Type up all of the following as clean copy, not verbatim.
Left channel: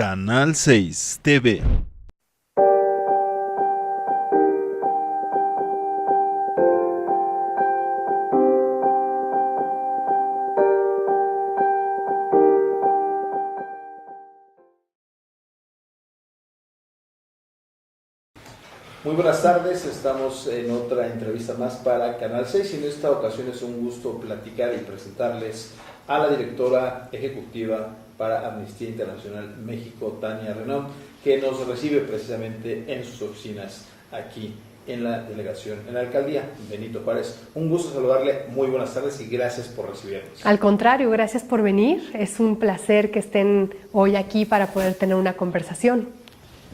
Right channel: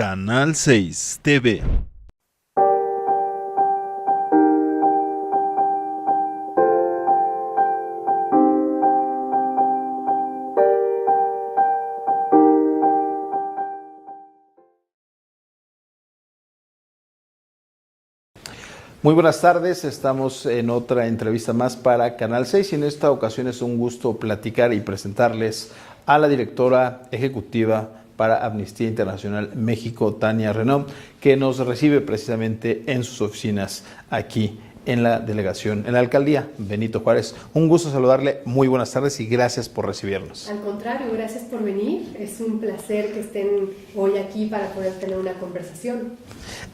Canal 6 TV. Muy buenas tardes, estamos en otra entrevista más para Canal 6 y en esta ocasión es un gusto platicar y presentarles a la directora ejecutiva para Amnistía Internacional México, Tania Renaud, que nos recibe precisamente en sus oficinas aquí en la delegación, en la alcaldía Benito Juárez. Un gusto saludarle, muy buenas tardes y gracias por recibirnos. Al contrario, gracias por venir, es un placer que estén hoy aquí para poder tener una conversación.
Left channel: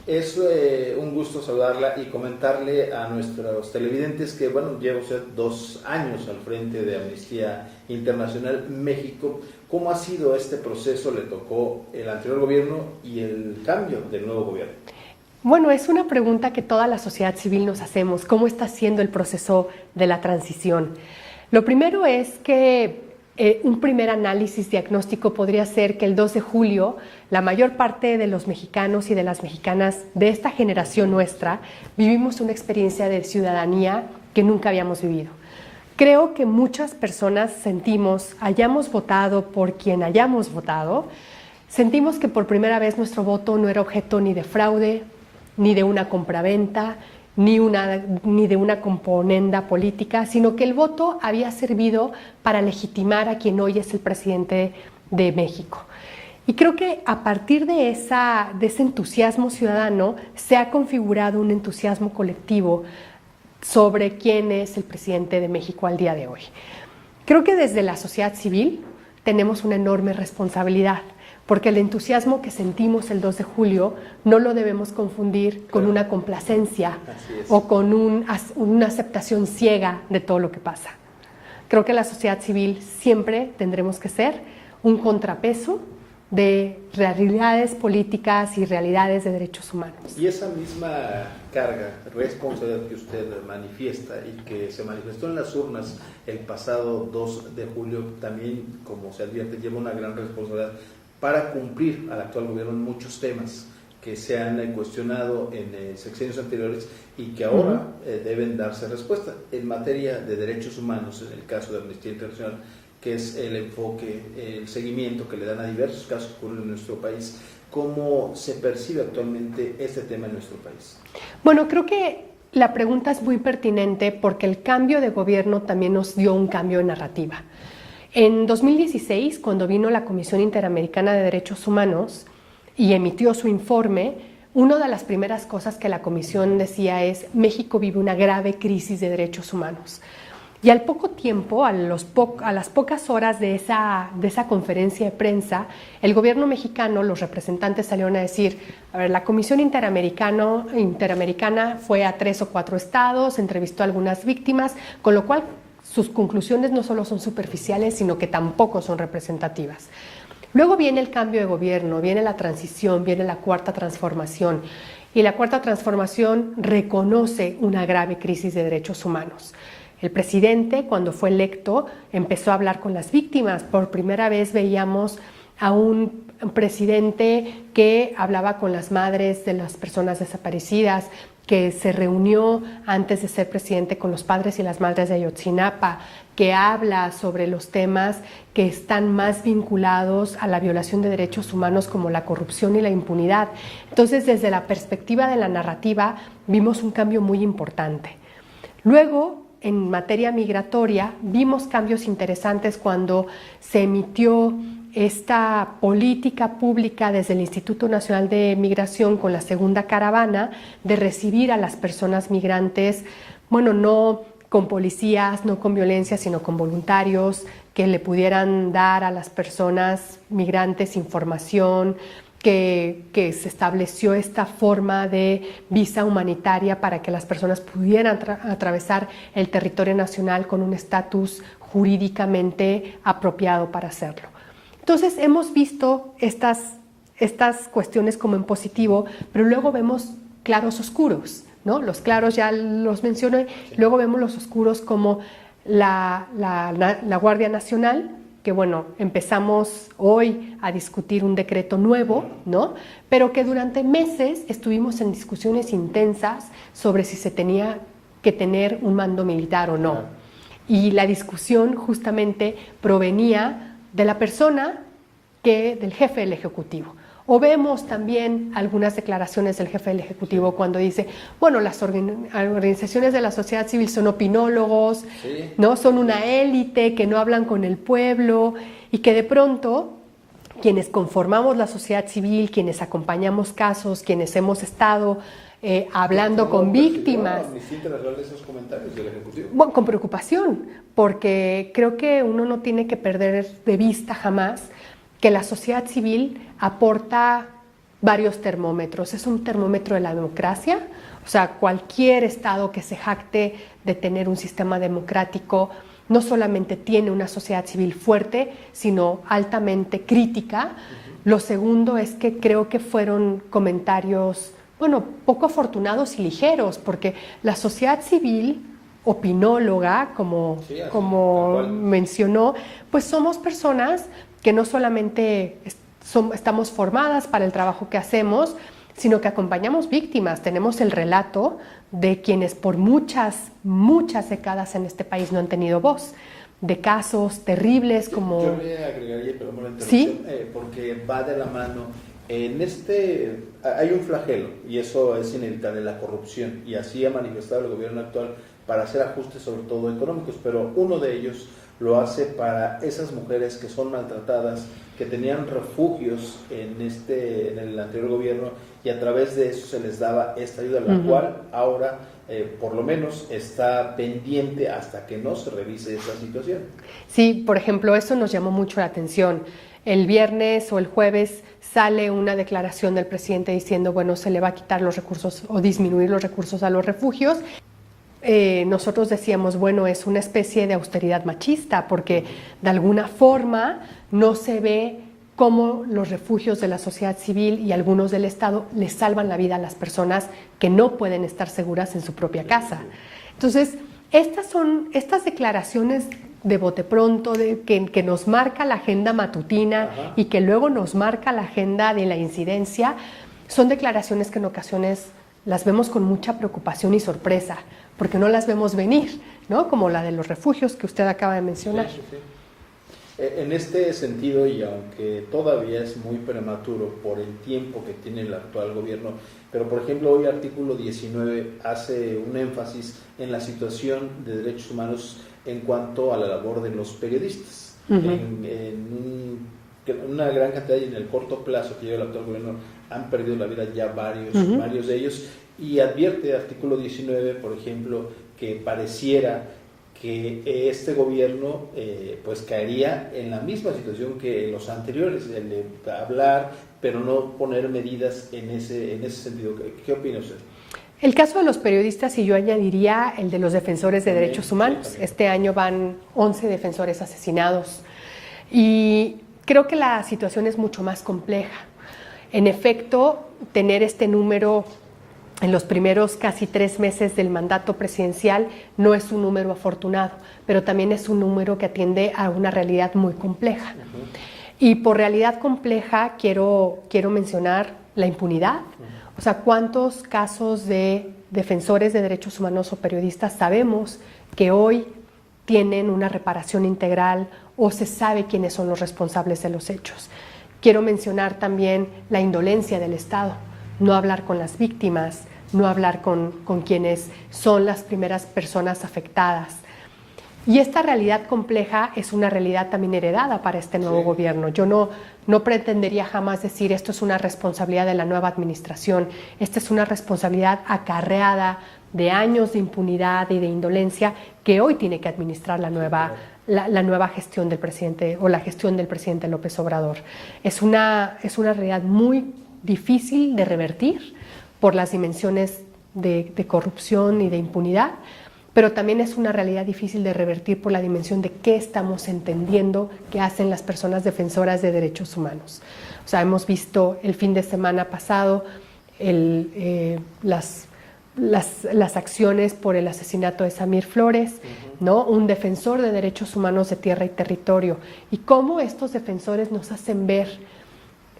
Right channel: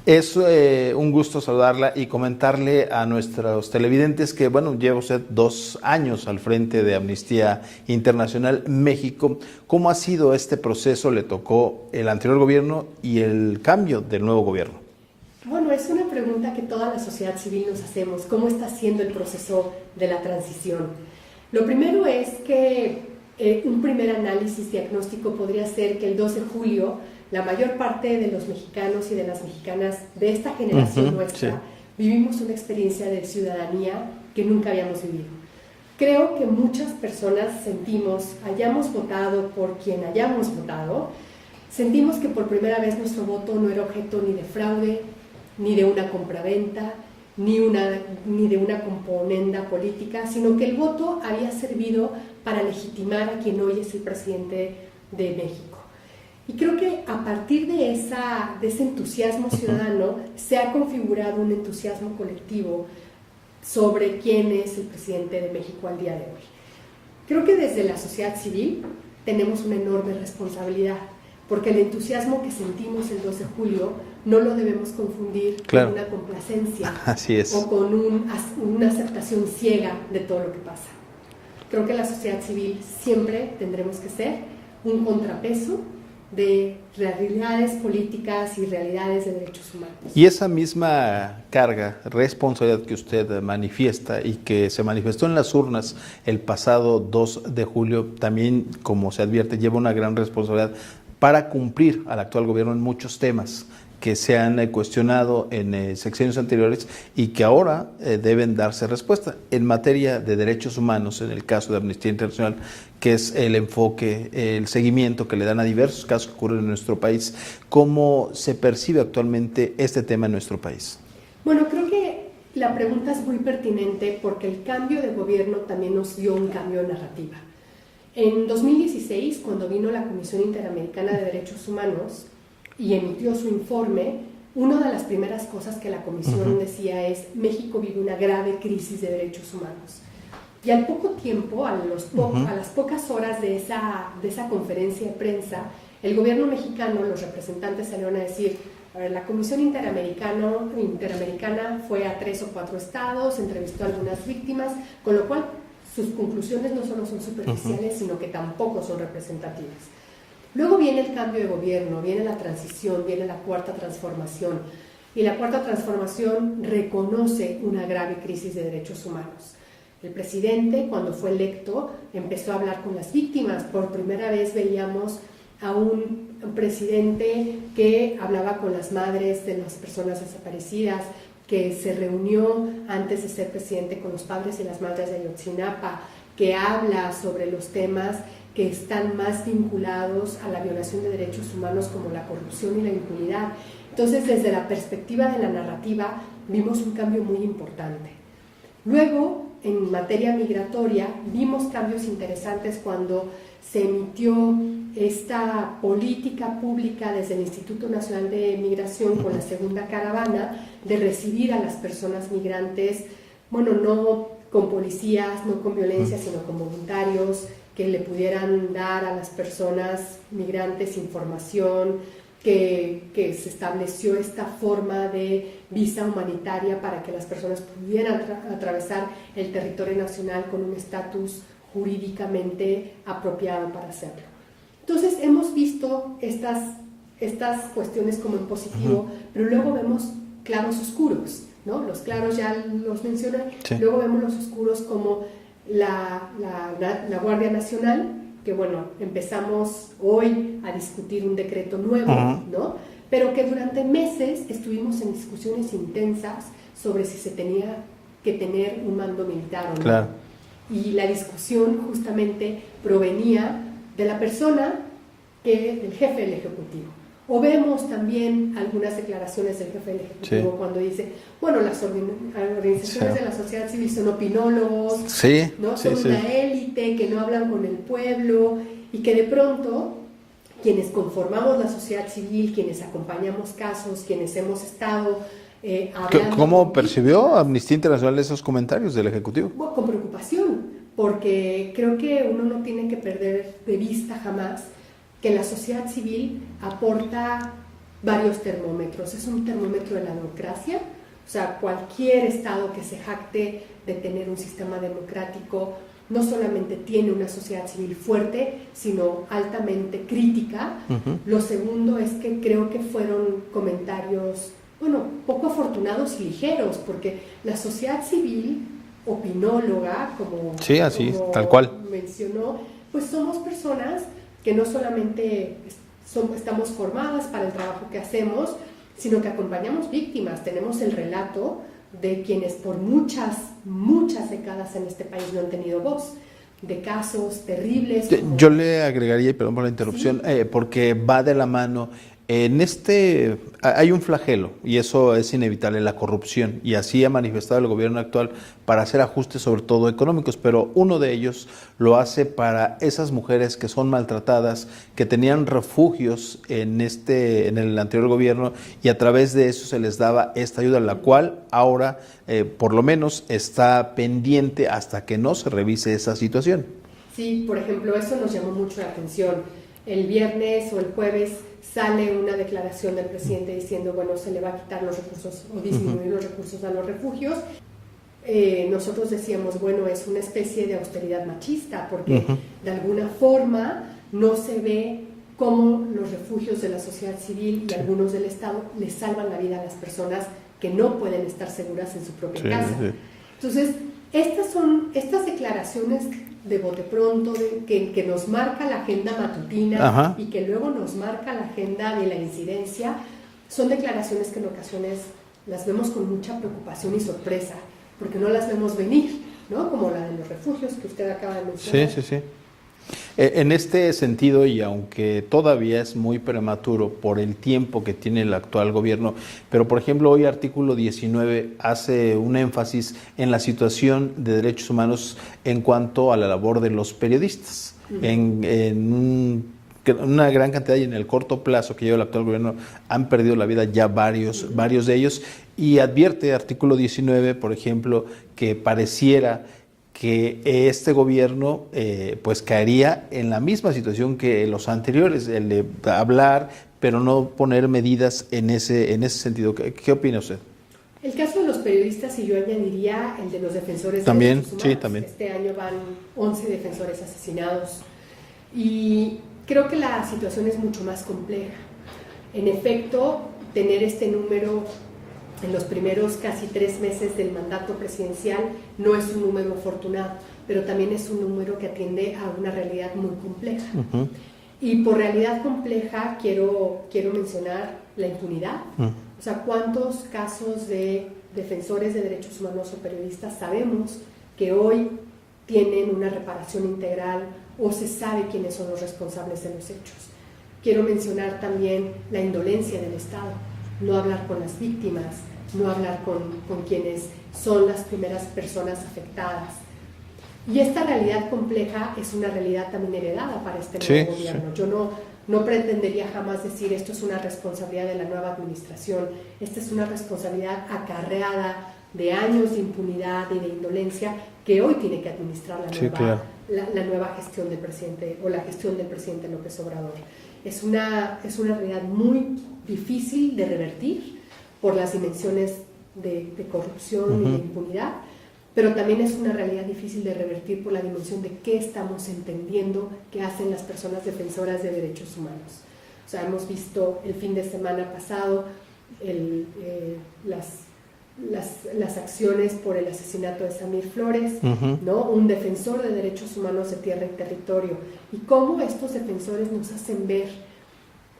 Es un gusto saludarla y comentarle a nuestros televidentes que, bueno, lleva usted 2 años al frente de Amnistía Internacional México. ¿Cómo ha sido este proceso? ¿Le tocó el anterior gobierno y el cambio del nuevo gobierno? Bueno, es una pregunta que toda la sociedad civil nos hacemos. ¿Cómo está siendo el proceso de la transición? Lo primero es que un primer análisis diagnóstico podría ser que el 2 de julio la mayor parte de los mexicanos y de las mexicanas de esta generación nuestra vivimos una experiencia de ciudadanía que nunca habíamos vivido. Creo que muchas personas sentimos, hayamos votado por quien hayamos votado, sentimos que por primera vez nuestro voto no era objeto ni de fraude, ni de una compraventa, ni de una componenda política, sino que el voto había servido para legitimar a quien hoy es el presidente de México. Y creo que a partir de ese entusiasmo ciudadano se ha configurado un entusiasmo colectivo sobre quién es el presidente de México al día de hoy. Creo que desde la sociedad civil tenemos una enorme responsabilidad, porque el entusiasmo que sentimos el 2 de julio no lo debemos confundir con una complacencia o con una aceptación ciega de todo lo que pasa. Creo que la sociedad civil siempre tendremos que ser un contrapeso de realidades políticas y realidades de derechos humanos. Y esa misma carga, responsabilidad que usted manifiesta y que se manifestó en las urnas el pasado 2 de julio, también, como se advierte, lleva una gran responsabilidad para cumplir al actual gobierno en muchos temas que se han cuestionado en sexenios anteriores y que ahora deben darse respuesta. En materia de derechos humanos, en el caso de Amnistía Internacional, que es el enfoque, el seguimiento que le dan a diversos casos que ocurren en nuestro país, ¿cómo se percibe actualmente este tema en nuestro país? Bueno, creo que la pregunta es muy pertinente porque el cambio de gobierno también nos dio un cambio de narrativa. En 2016, cuando vino la Comisión Interamericana de Derechos Humanos y emitió su informe, una de las primeras cosas que la Comisión decía es: México vive una grave crisis de derechos humanos. Y al poco tiempo, a las pocas horas de esa conferencia de prensa, el gobierno mexicano, los representantes salieron a decir: a ver, la Comisión Interamericana fue a 3 o 4 estados, entrevistó a algunas víctimas, con lo cual sus conclusiones no solo son superficiales, sino que tampoco son representativas. Luego viene el cambio de gobierno, viene la transición, viene la Cuarta Transformación. Y la Cuarta Transformación reconoce una grave crisis de derechos humanos. El presidente, cuando fue electo, empezó a hablar con las víctimas. Por primera vez veíamos a un presidente que hablaba con las madres de las personas desaparecidas, que se reunió antes de ser presidente con los padres y las madres de Ayotzinapa, que habla sobre los temas que están más vinculados a la violación de derechos humanos como la corrupción y la impunidad. Entonces, desde la perspectiva de la narrativa, vimos un cambio muy importante. Luego, en materia migratoria, vimos cambios interesantes cuando se emitió esta política pública desde el Instituto Nacional de Migración con la segunda caravana de recibir a las personas migrantes, bueno, no con policías, no con violencia, sino con voluntarios que le pudieran dar a las personas migrantes información, que se estableció esta forma de visa humanitaria para que las personas pudieran atravesar el territorio nacional con un estatus jurídicamente apropiado para hacerlo. Entonces hemos visto estas cuestiones como en positivo, pero luego vemos claros oscuros, ¿no? Los claros ya los mencioné, luego vemos los oscuros como la Guardia Nacional, que bueno, empezamos hoy a discutir un decreto nuevo, ¿no? Pero que durante meses estuvimos en discusiones intensas sobre si se tenía que tener un mando militar o no. Claro. Y la discusión justamente provenía de la persona del jefe del Ejecutivo. O vemos también algunas declaraciones del jefe del Ejecutivo cuando dice, bueno, las organizaciones de la sociedad civil son opinólogos, ¿no? Son una élite que no hablan con el pueblo y que de pronto quienes conformamos la sociedad civil, quienes acompañamos casos, quienes hemos estado hablando con víctimas. ¿Cómo percibió Amnistía Internacional esos comentarios del Ejecutivo? Bueno, con preocupación, porque creo que uno no tiene que perder de vista jamás que la sociedad civil aporta varios termómetros. Es un termómetro de la democracia, o sea, cualquier Estado que se jacte de tener un sistema democrático no solamente tiene una sociedad civil fuerte, sino altamente crítica. Lo segundo es que creo que fueron comentarios, bueno, poco afortunados y ligeros, porque la sociedad civil opinóloga, como tal cual mencionó, pues somos personas que no solamente estamos formadas para el trabajo que hacemos, sino que acompañamos víctimas. Tenemos el relato de quienes por muchas décadas en este país no han tenido voz, de casos terribles como... Yo le agregaría, y perdón por la interrupción, porque va de la mano. En hay un flagelo, y eso es inevitable, la corrupción, y así ha manifestado el gobierno actual para hacer ajustes, sobre todo económicos, pero uno de ellos lo hace para esas mujeres que son maltratadas, que tenían refugios en el anterior gobierno, y a través de eso se les daba esta ayuda, la cual ahora por lo menos está pendiente hasta que no se revise esa situación. Sí, por ejemplo, eso nos llamó mucho la atención. El viernes o el jueves sale una declaración del presidente diciendo, bueno, se le va a quitar los recursos o disminuir los recursos a los refugios. Nosotros decíamos, bueno, es una especie de austeridad machista, porque de alguna forma no se ve cómo los refugios de la sociedad civil y algunos del Estado les salvan la vida a las personas que no pueden estar seguras en su propia casa. Entonces, estas declaraciones de bote pronto, que nos marca la agenda matutina y que luego nos marca la agenda de la incidencia, son declaraciones que en ocasiones las vemos con mucha preocupación y sorpresa, porque no las vemos venir, ¿no? Como la de los refugios que usted acaba de mencionar. Sí. En este sentido, y aunque todavía es muy prematuro por el tiempo que tiene el actual gobierno, pero por ejemplo hoy artículo 19 hace un énfasis en la situación de derechos humanos en cuanto a la labor de los periodistas. En una gran cantidad y en el corto plazo que lleva el actual gobierno han perdido la vida ya varios de ellos, y advierte artículo 19, por ejemplo, que pareciera que este gobierno pues caería en la misma situación que los anteriores, el de hablar pero no poner medidas en ese sentido. ¿Qué opina usted? El caso de los periodistas, y yo añadiría el de los defensores de derechos humanos. Sí, este año van 11 defensores asesinados y creo que la situación es mucho más compleja. En efecto, tener este número en los primeros casi 3 meses del mandato presidencial no es un número afortunado, pero también es un número que atiende a una realidad muy compleja. Y por realidad compleja quiero mencionar la impunidad. O sea, ¿cuántos casos de defensores de derechos humanos o periodistas sabemos que hoy tienen una reparación integral o se sabe quiénes son los responsables de los hechos? Quiero mencionar también la indolencia del Estado. No hablar con las víctimas, no hablar con quienes son las primeras personas afectadas. Y esta realidad compleja es una realidad también heredada para este nuevo gobierno. Yo no pretendería jamás decir esto es una responsabilidad de la nueva administración, esta es una responsabilidad acarreada de años de impunidad y de indolencia que hoy tiene que administrar la nueva gestión del presidente o la gestión del presidente López Obrador. Es una realidad muy difícil de revertir por las dimensiones de corrupción y de impunidad, pero también es una realidad difícil de revertir por la dimensión de qué estamos entendiendo que hacen las personas defensoras de derechos humanos. O sea, hemos visto el fin de semana pasado las las acciones por el asesinato de Samir Flores, ¿no? Un defensor de derechos humanos de tierra y territorio, y cómo estos defensores nos hacen ver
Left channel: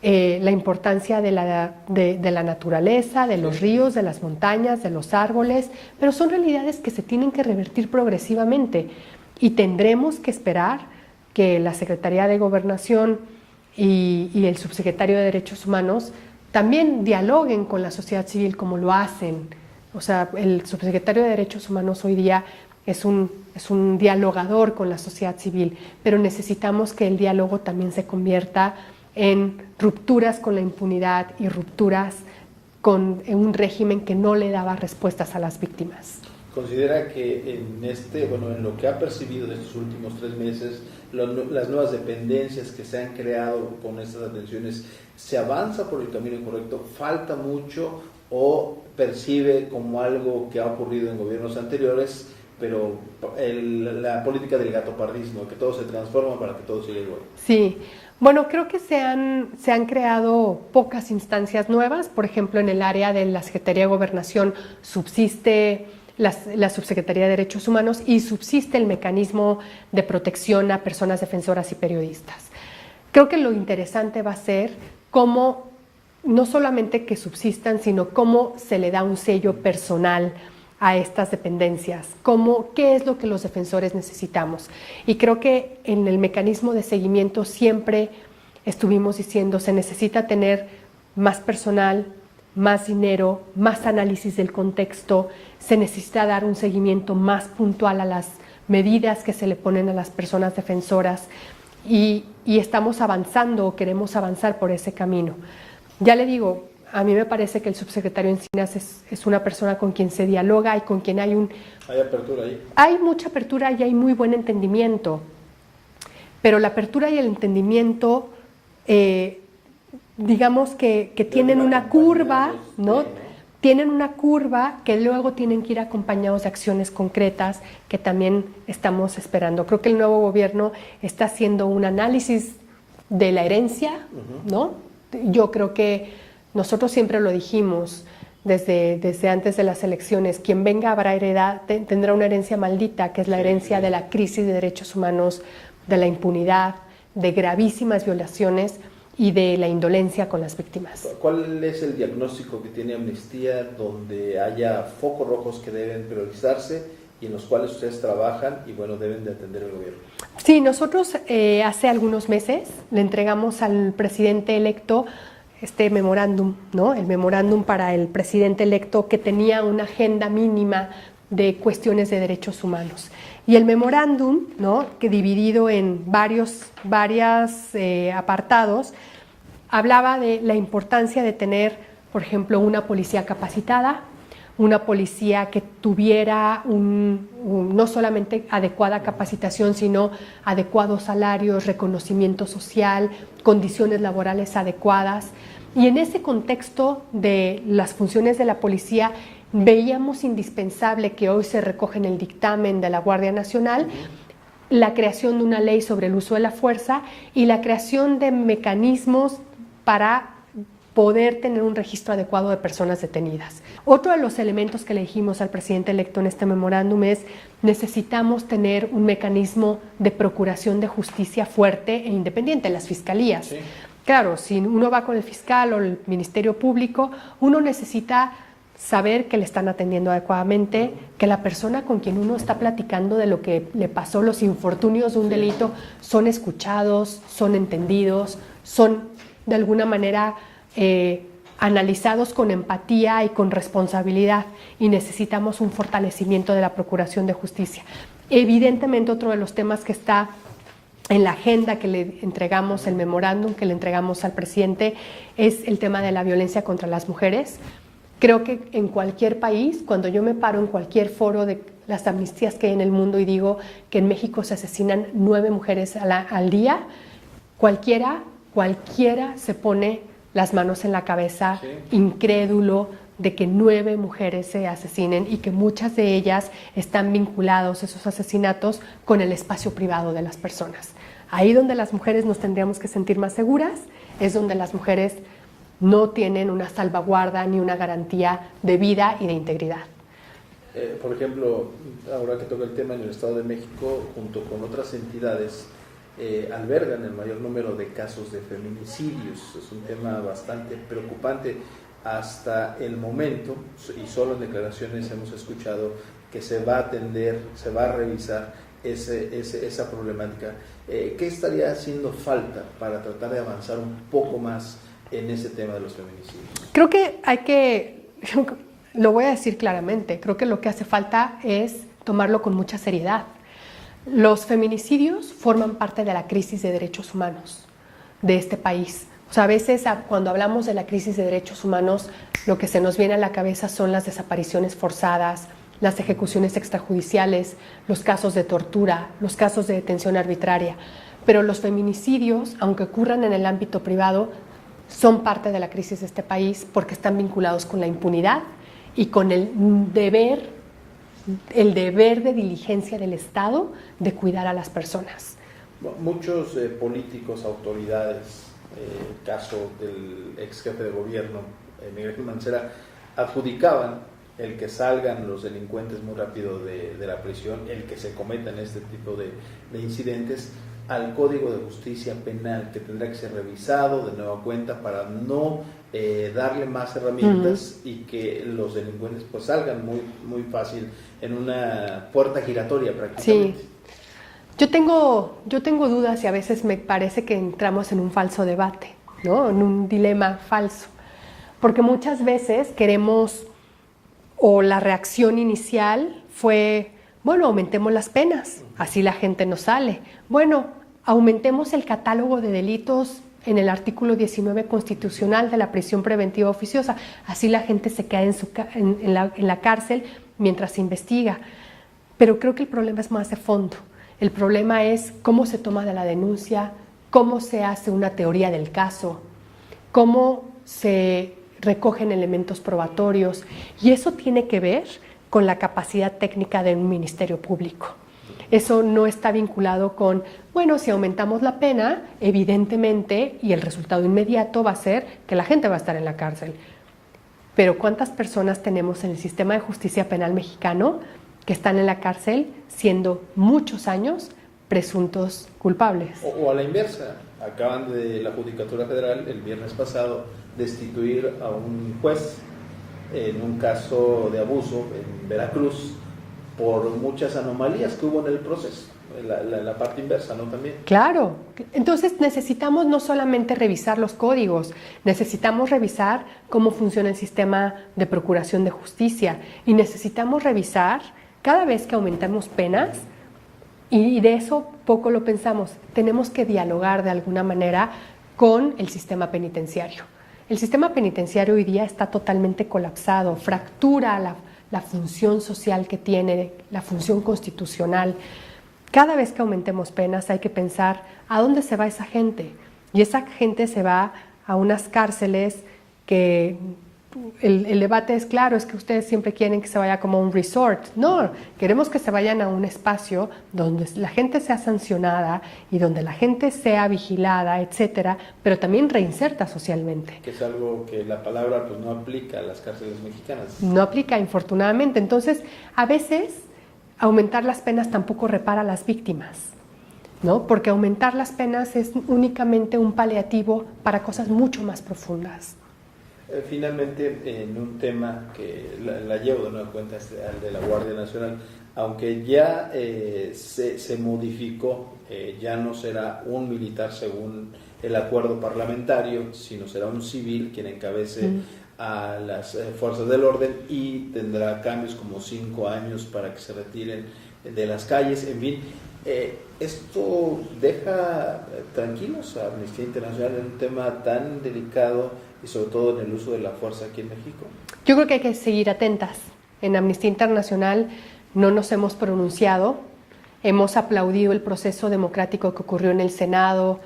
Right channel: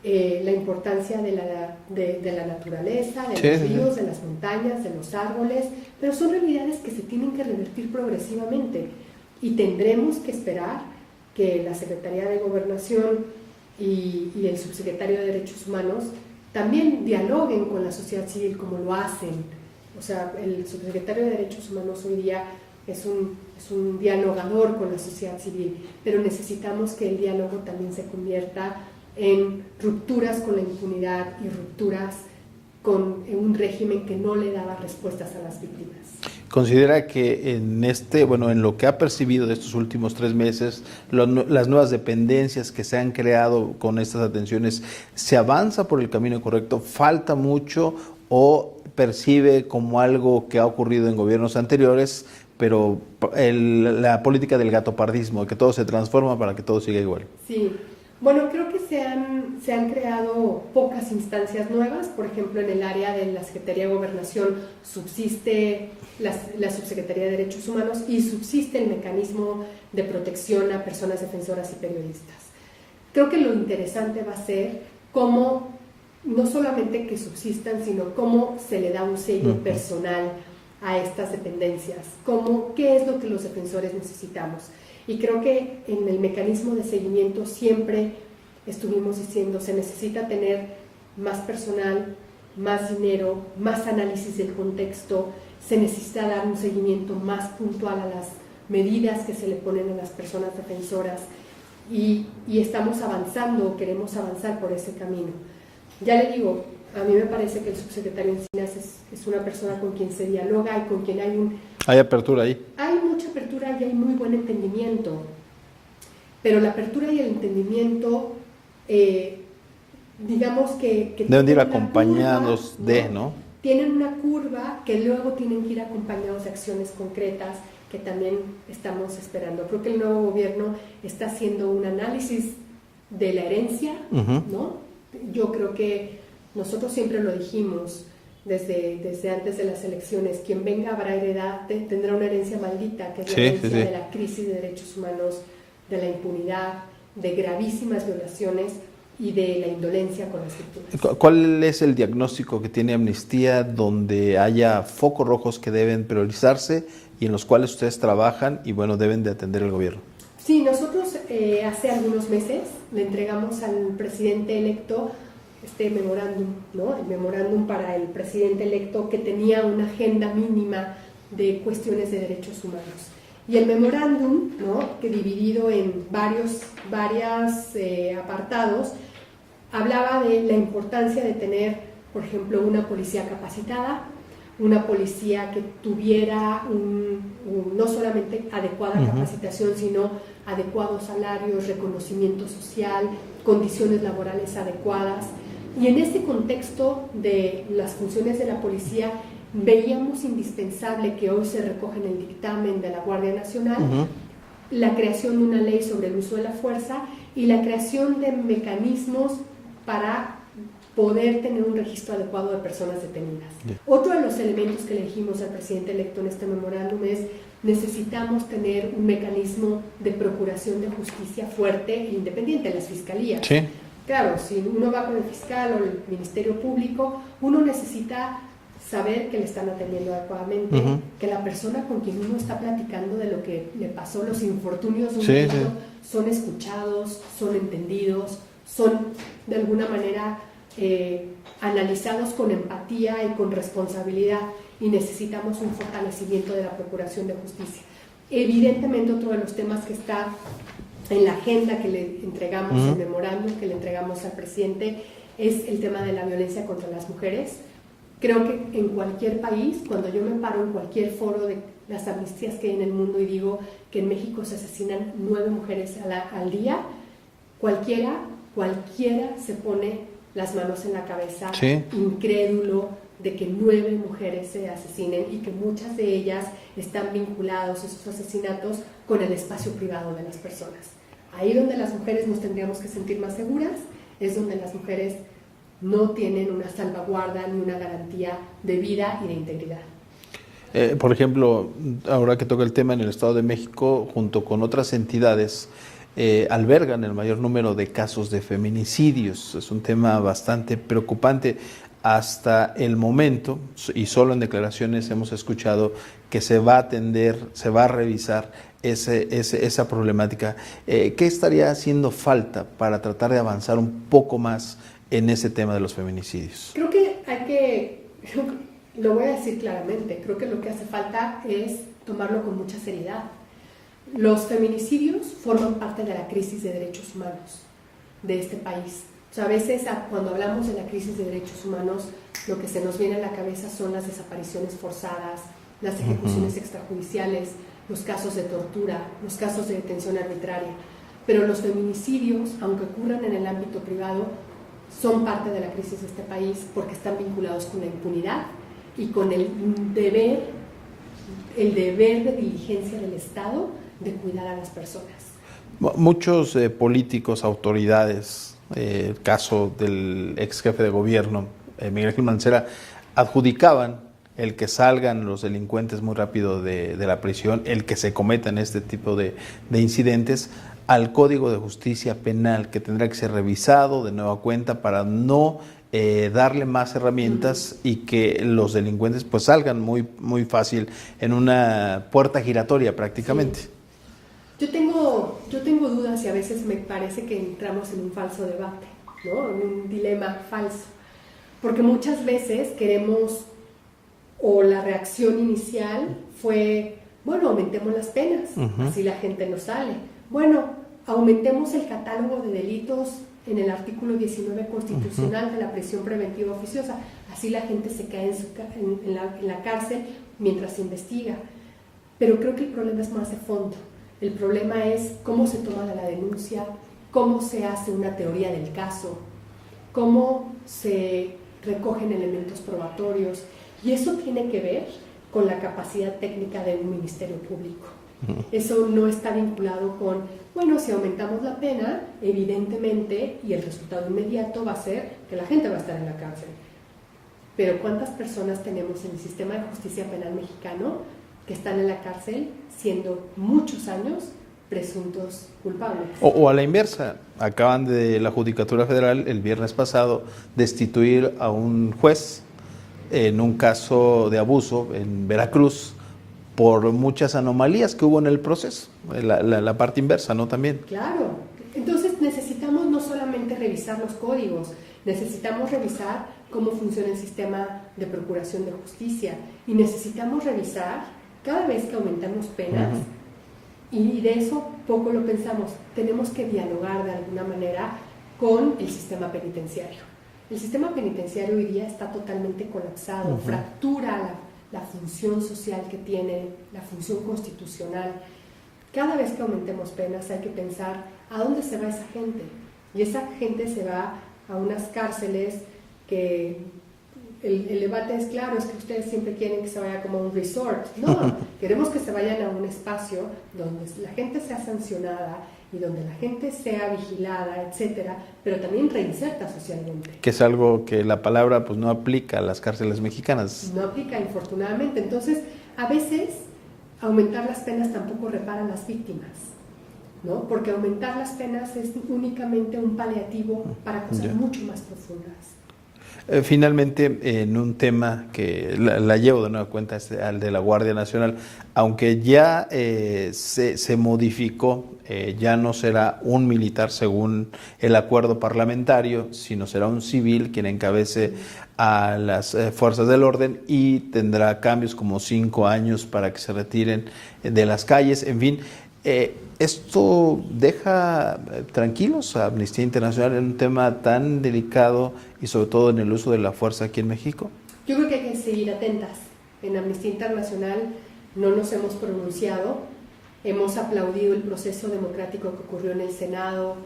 la importancia de la naturaleza, de los ríos, de las montañas, de los árboles, pero son realidades que se tienen que revertir progresivamente, y tendremos que esperar que la Secretaría de Gobernación y el Subsecretario de Derechos Humanos también dialoguen con la sociedad civil como lo hacen. O sea, el Subsecretario de Derechos Humanos hoy día es un dialogador con la sociedad civil, pero necesitamos que el diálogo también se convierta en rupturas con la impunidad y rupturas en un régimen que no le daba respuestas a las víctimas. ¿Considera que en lo que ha percibido de estos últimos 3 meses, las nuevas dependencias que se han creado con estas atenciones, se avanza por el camino correcto? ¿Falta mucho o percibe como algo que ha ocurrido en gobiernos anteriores, pero la política del gatopardismo, que todo se transforma para que todo siga igual? Sí. Bueno, creo que se han creado pocas instancias nuevas. Por ejemplo, en el área de la Secretaría de Gobernación subsiste la Subsecretaría de Derechos Humanos y subsiste el mecanismo de protección a personas defensoras y periodistas. Creo que lo interesante va a ser cómo, no solamente que subsistan, sino cómo se le da un sello personal a estas dependencias, qué es lo que los defensores necesitamos. Y creo que en el mecanismo de seguimiento siempre estuvimos diciendo, se necesita tener más personal, más dinero, más análisis del contexto, se necesita dar un seguimiento más puntual a las medidas que se le ponen a las personas defensoras, y estamos avanzando, queremos avanzar por ese camino. Ya le digo, a mí me parece que el subsecretario Encinas es una persona con quien se dialoga y con quien hay apertura ahí. Hay mucha apertura y hay muy buen entendimiento, pero la apertura y el entendimiento, digamos que tienen una curva, ¿no? Tienen una curva que luego tienen que ir acompañados de acciones concretas que también estamos esperando. Creo que el nuevo gobierno está haciendo un análisis de la herencia, ¿no? Yo creo que nosotros siempre lo dijimos desde antes de las elecciones, quien venga tendrá una herencia maldita, que es la herencia de la crisis de derechos humanos, de la impunidad, de gravísimas violaciones y de la indolencia con las víctimas. ¿Cuál es el diagnóstico que tiene Amnistía donde haya focos rojos que deben priorizarse y en los cuales ustedes trabajan y deben de atender el gobierno? Sí, nosotros hace algunos meses le entregamos al presidente electo este memorándum, ¿no? El memorándum para el presidente electo, que tenía una agenda mínima de cuestiones de derechos humanos. Y el memorándum, ¿no?, que dividido en varios apartados, hablaba de la importancia de tener, por ejemplo, una policía capacitada, una policía que tuviera no solamente adecuada capacitación, sino adecuados salarios, reconocimiento social, condiciones laborales adecuadas. Y en ese contexto de las funciones de la policía, veíamos indispensable, que hoy se recoge en el dictamen de la Guardia Nacional, la creación de una ley sobre el uso de la fuerza y la creación de mecanismos para poder tener un registro adecuado de personas detenidas. Otro de los elementos que le dijimos al presidente electo en este memorándum es: necesitamos tener un mecanismo de procuración de justicia fuerte e independiente en las fiscalías. Sí. Claro, si uno va con el fiscal o el Ministerio Público, uno necesita saber que le están atendiendo adecuadamente, que la persona con quien uno está platicando de lo que le pasó, los infortunios de un delito, son escuchados, son entendidos, son de alguna manera analizados con empatía y con responsabilidad, y necesitamos un fortalecimiento de la procuración de justicia. Evidentemente, otro de los temas que está en la agenda que le entregamos, el memorándum que le entregamos al presidente, es el tema de la violencia contra las mujeres. Creo que en cualquier país, cuando yo me paro en cualquier foro de las amnistías que hay en el mundo y digo que en México se asesinan 9 mujeres al día, cualquiera se pone las manos en la cabeza, incrédulo de que 9 mujeres se asesinen, y que muchas de ellas están vinculados, esos asesinatos, con el espacio privado de las personas. Ahí donde las mujeres nos tendríamos que sentir más seguras, es donde las mujeres no tienen una salvaguarda ni una garantía de vida y de integridad. Por ejemplo, ahora que toca el tema, en el Estado de México, junto con otras entidades, albergan el mayor número de casos de feminicidios. Es un tema bastante preocupante. Hasta el momento, y solo en declaraciones hemos escuchado que se va a atender, se va a revisar esa problemática. ¿Qué estaría haciendo falta para tratar de avanzar un poco más en ese tema de los feminicidios? Creo que lo voy a decir claramente, creo que lo que hace falta es tomarlo con mucha seriedad. Los feminicidios forman parte de la crisis de derechos humanos de este país. O sea, a veces cuando hablamos de la crisis de derechos humanos, lo que se nos viene a la cabeza son las desapariciones forzadas, las ejecuciones extrajudiciales, los casos de tortura, los casos de detención arbitraria. Pero los feminicidios, aunque ocurran en el ámbito privado, son parte de la crisis de este país porque están vinculados con la impunidad y con el deber de diligencia del Estado de cuidar a las personas. Muchos políticos, autoridades, el caso del ex jefe de gobierno, Miguel Ángel Mancera, adjudicaban el que salgan los delincuentes muy rápido de la prisión, el que se cometan este tipo de incidentes, al Código de Justicia Penal, que tendrá que ser revisado de nueva cuenta para no darle más herramientas y que los delincuentes pues salgan muy fácil en una puerta giratoria prácticamente. Sí. Yo tengo dudas y a veces me parece que entramos en un falso debate, ¿no? En un dilema falso, porque muchas veces queremos, o la reacción inicial fue, bueno, aumentemos las penas, así la gente no sale. Bueno, aumentemos el catálogo de delitos en el artículo 19 constitucional de la prisión preventiva oficiosa, así la gente se queda en la cárcel mientras se investiga. Pero creo que el problema es más de fondo. El problema es cómo se toma de la denuncia, cómo se hace una teoría del caso, cómo se recogen elementos probatorios, y eso tiene que ver con la capacidad técnica de un ministerio público. Eso no está vinculado con, bueno, si aumentamos la pena, evidentemente, y el resultado inmediato va a ser que la gente va a estar en la cárcel. Pero ¿cuántas personas tenemos en el sistema de justicia penal mexicano que están en la cárcel siendo muchos años presuntos culpables? O a la inversa, acaban de la Judicatura Federal el viernes pasado destituir a un juez en un caso de abuso en Veracruz por muchas anomalías que hubo en el proceso, la parte inversa, ¿no? También. Claro, entonces necesitamos no solamente revisar los códigos, necesitamos revisar cómo funciona el sistema de procuración de justicia y necesitamos revisar cada vez que aumentamos penas, y de eso poco lo pensamos, tenemos que dialogar de alguna manera con el sistema penitenciario. El sistema penitenciario hoy día está totalmente colapsado, fractura la función social que tiene, la función constitucional. Cada vez que aumentemos penas hay que pensar a dónde se va esa gente. Y esa gente se va a unas cárceles que el debate es claro, es que ustedes siempre quieren que se vaya como a un resort. No, queremos que se vayan a un espacio donde la gente sea sancionada y donde la gente sea vigilada, etcétera, pero también reinserta socialmente. Que es algo que la palabra pues no aplica a las cárceles mexicanas. No aplica, infortunadamente. Entonces, a veces aumentar las penas tampoco repara a las víctimas, ¿no? Porque aumentar las penas es únicamente un paliativo para cosas mucho más profundas. Finalmente, en un tema que la llevo de nueva cuenta, al de la Guardia Nacional, aunque ya se modificó, ya no será un militar según el acuerdo parlamentario, sino será un civil quien encabece a las fuerzas del orden y tendrá cambios como 5 años para que se retiren de las calles, en fin. ¿Esto deja tranquilos a Amnistía Internacional en un tema tan delicado y sobre todo en el uso de la fuerza aquí en México? Yo creo que hay que seguir atentas. En Amnistía Internacional no nos hemos pronunciado, hemos aplaudido el proceso democrático que ocurrió en el Senado,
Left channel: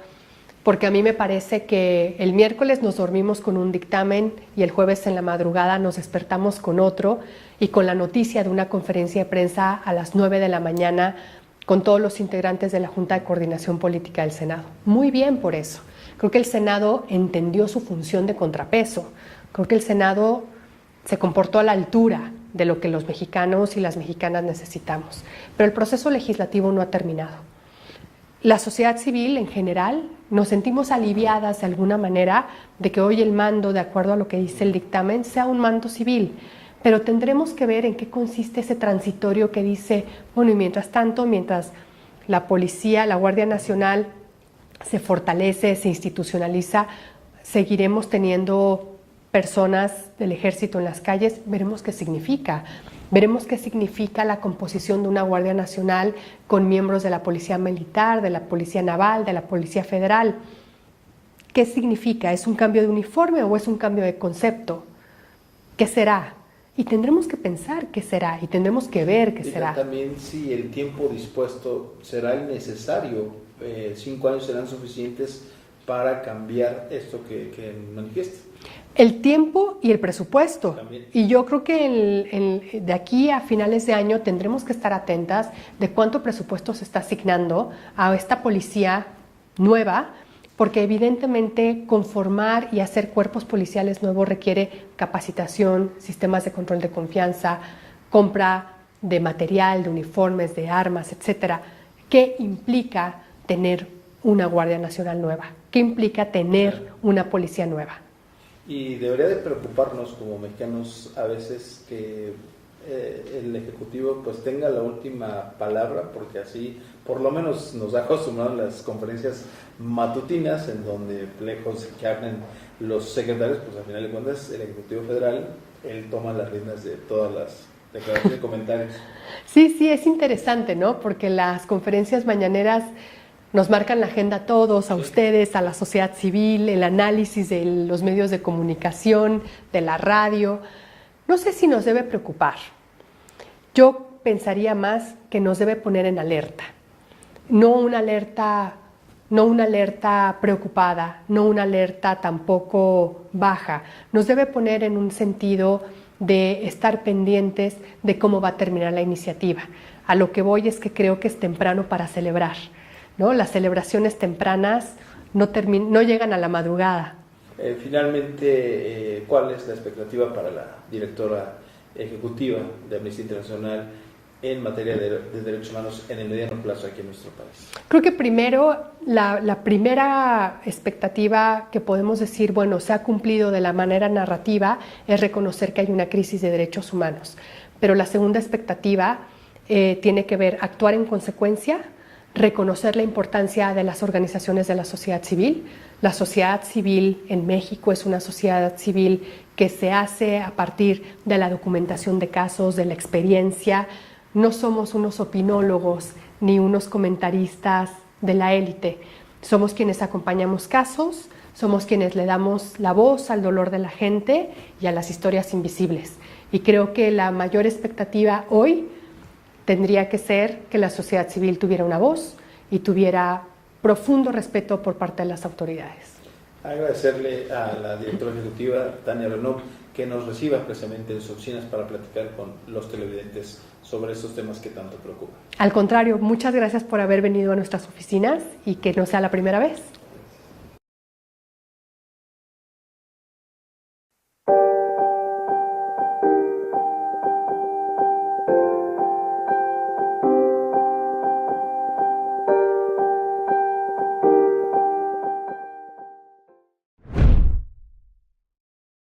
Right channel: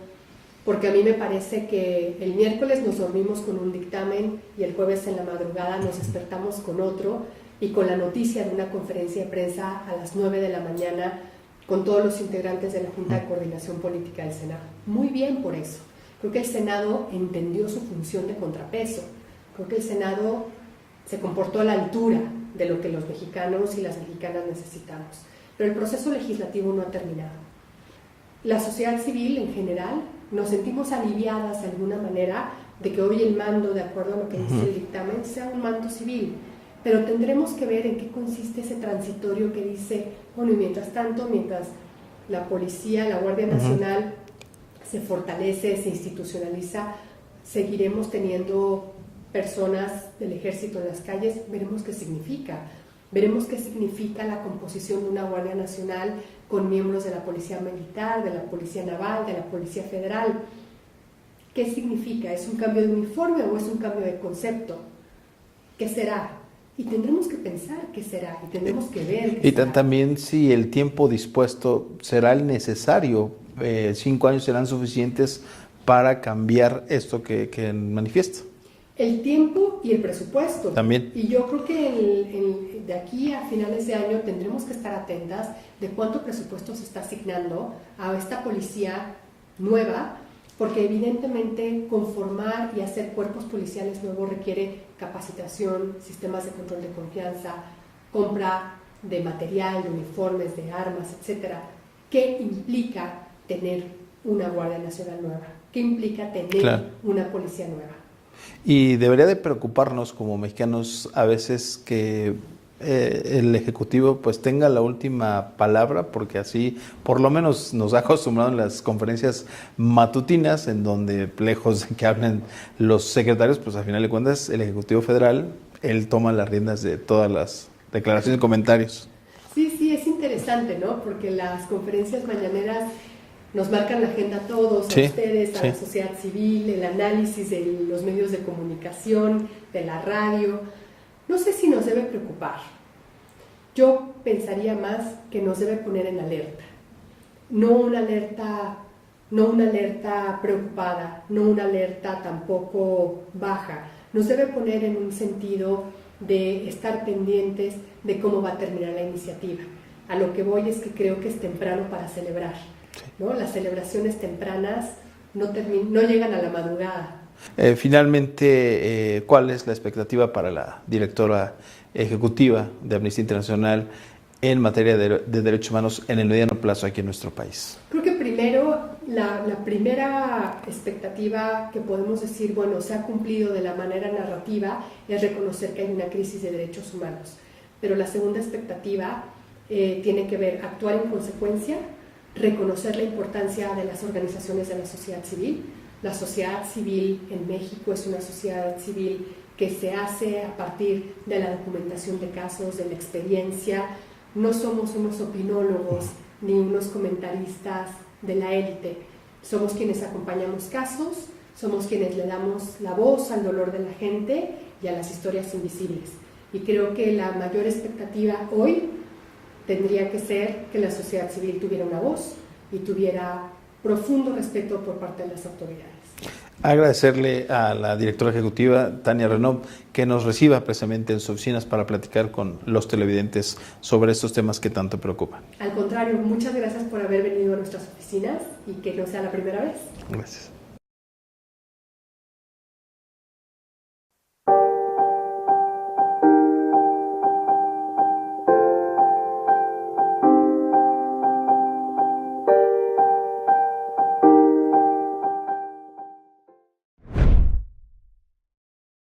porque a mí me parece que el miércoles nos dormimos con un dictamen y el jueves en la madrugada nos despertamos con otro y con la noticia de una conferencia de prensa a las 9 de la mañana con todos los integrantes de la Junta de Coordinación Política del Senado. Muy bien por eso. Creo que el Senado entendió su función de contrapeso. Creo que el Senado se comportó a la altura de lo que los mexicanos y las mexicanas necesitamos. Pero el proceso legislativo no ha terminado. La sociedad civil en general nos sentimos aliviadas de alguna manera de que hoy el mando, de acuerdo a lo que dice el dictamen, sea un mando civil. Pero tendremos que ver en qué consiste ese transitorio que dice, bueno, y mientras tanto, mientras la policía, la Guardia Nacional se fortalece, se institucionaliza, seguiremos teniendo personas del ejército en las calles, veremos qué significa. Veremos qué significa la composición de una Guardia Nacional con miembros de la Policía Militar, de la Policía Naval, de la Policía Federal. ¿Qué significa? ¿Es un cambio de uniforme o es un cambio de concepto? ¿Qué será? Y tendremos que pensar qué será y tendremos que ver qué será. Y también si el tiempo dispuesto será el necesario, 5 años serán suficientes para cambiar esto que manifiesta. El tiempo y el presupuesto. También. Y yo creo que de aquí a finales de año tendremos que estar atentas de cuánto presupuesto se está asignando a esta policía nueva, porque evidentemente conformar y hacer cuerpos policiales nuevos requiere capacitación, sistemas de control de confianza, compra de material, de uniformes, de armas, etcétera. ¿Qué implica tener una Guardia Nacional nueva? ¿Qué implica tener una policía nueva? Y debería de preocuparnos como mexicanos a veces que el Ejecutivo pues tenga la última palabra, porque así por lo menos nos ha acostumbrado en las conferencias matutinas, en donde lejos de que hablen los secretarios, pues al final de cuentas el Ejecutivo Federal, él toma las riendas de todas las declaraciones y comentarios. Sí, es interesante, ¿no? Porque las conferencias mañaneras nos marcan la agenda a todos, a ustedes, a la sociedad civil, el análisis de los medios de comunicación, de la radio. No sé si nos debe preocupar. Yo pensaría más que nos debe poner en alerta. No una alerta preocupada, no una alerta tampoco baja. Nos debe poner en un sentido de estar pendientes de cómo va a terminar la iniciativa. A lo que voy es que creo que es temprano para celebrar, ¿no? Las celebraciones tempranas no llegan a la madrugada. Finalmente, ¿cuál es la expectativa para la directora ejecutiva de Amnistía Internacional en materia de derechos humanos en el mediano plazo aquí en nuestro país? Creo que primero, la primera expectativa que podemos decir, bueno, se ha cumplido de la manera narrativa, es reconocer que hay una crisis de derechos humanos. Pero la segunda expectativa tiene que ver actuar en consecuencia, reconocer la importancia de las organizaciones de la sociedad civil. La sociedad civil en México es una sociedad civil que se hace a partir de la documentación de casos, de la experiencia. No somos unos opinólogos ni unos comentaristas de la élite. Somos quienes acompañamos casos, somos quienes le damos la voz al dolor de la gente y a las historias invisibles. Y creo que la mayor expectativa hoy tendría que ser que la sociedad civil tuviera una voz y tuviera profundo respeto por parte de las autoridades. Agradecerle a la directora ejecutiva, Tania Renaud, que nos reciba precisamente en sus oficinas para platicar con los televidentes sobre estos temas que tanto preocupan. Al contrario, muchas gracias por haber venido a nuestras oficinas y que no sea la primera vez. Gracias.